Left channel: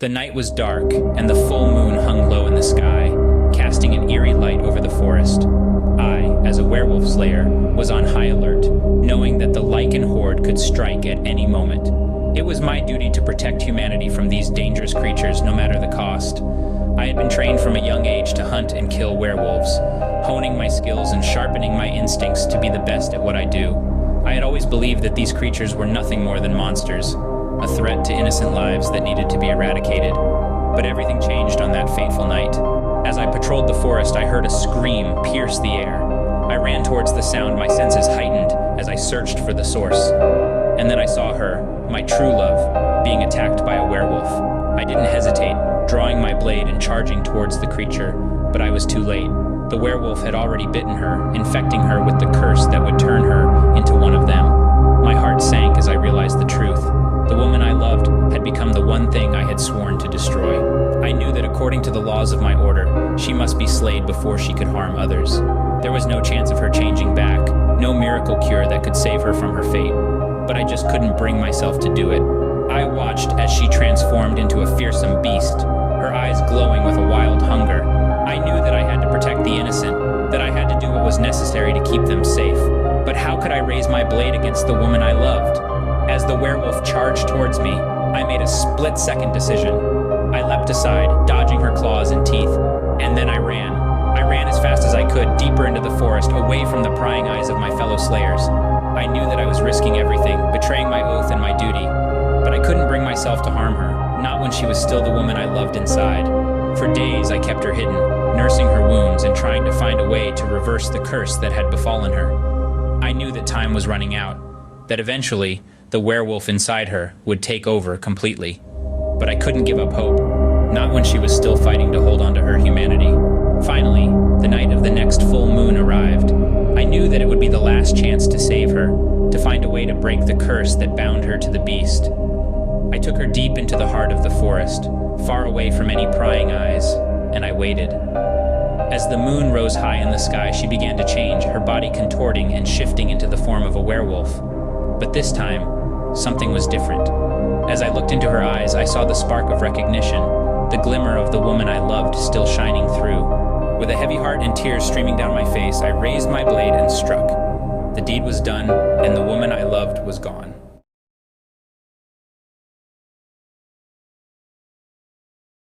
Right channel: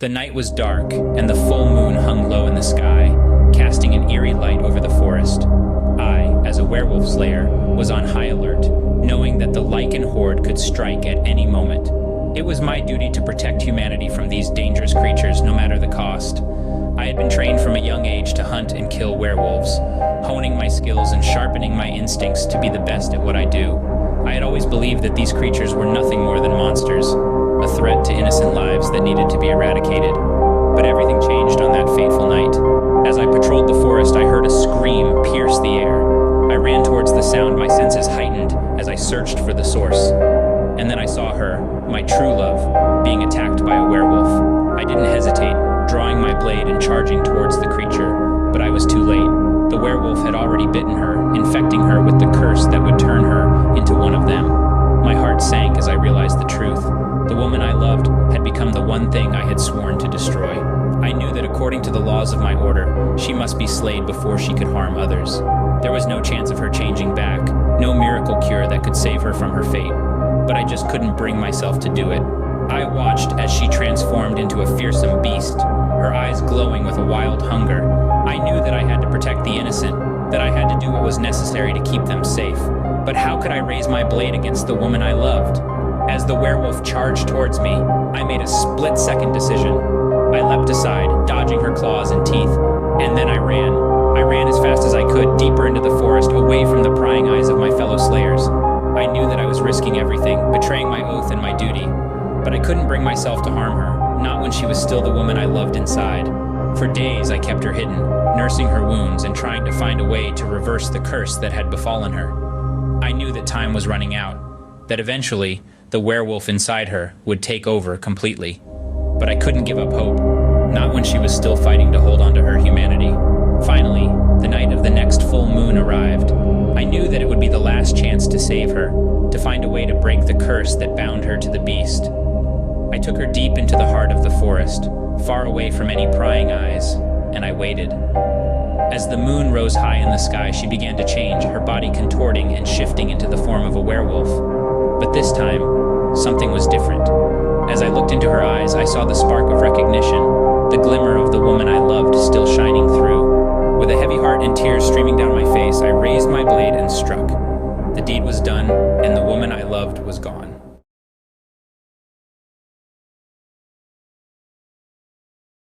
The night was dark, and the full moon hung low in the sky, casting an eerie light over the forest. I, as a werewolf slayer, was on high alert, knowing that the lichen horde could strike at any moment. It was my duty to protect humanity from these dangerous creatures, no matter the cost. I had been trained from a young age to hunt and kill werewolves, honing my skills and sharpening my instincts to be the best at what I do. I had always believed that these creatures were nothing more than monsters, a threat to innocent lives that needed to be eradicated. But everything changed on that fateful night. As I patrolled the forest, I heard a scream pierce the air. I ran towards the sound, my senses heightened as I searched for the source. And then I saw her, my true love, being attacked by a werewolf. I didn't hesitate, drawing my blade and charging towards the creature, but I was too late. The werewolf had already bitten her, infecting her with the curse that would turn her into one of them. My heart sank as I realized the truth. The woman I loved had become the one thing I had sworn to destroy. I knew that according to the laws of my order, she must be slayed before she could harm others. There was no chance of her changing back, no miracle cure that could save her from her fate. But I just couldn't bring myself to do it. I watched as she transformed into a fearsome beast, her eyes glowing with a wild hunger. I knew that I had to protect the innocent, that I had to do what was necessary to keep them safe. But how could I raise my blade against the woman I loved? As the werewolf charged towards me, I made a split-second decision. I leapt aside, dodging her claws and teeth, and then I ran. I ran as fast as I could, deeper into the forest, away from the prying eyes of my fellow slayers. I knew that I was risking everything, betraying my oath and my duty, but I couldn't bring myself to harm her, not when she was still the woman I loved inside. For days I kept her hidden, nursing her wounds and trying to find a way to reverse the curse that had befallen her. I knew that time was running out, that eventually the werewolf inside her would take over completely. But I couldn't give up hope, not when she was still fighting to hold on to her humanity. Finally, the night of the next full moon arrived. I knew that it would be the last chance to save her, to find a way to break the curse that bound her to the beast. I took her deep into the heart of the forest, far away from any prying eyes, and I waited. As the moon rose high in the sky, she began to change, her body contorting and shifting into the form of a werewolf. But this time, something was different. As I looked into her eyes, I saw the spark of recognition, the glimmer of the woman I loved still shining through. With a heavy heart and tears streaming down my face, I raised my blade and struck. The deed was done, and the woman I loved was gone.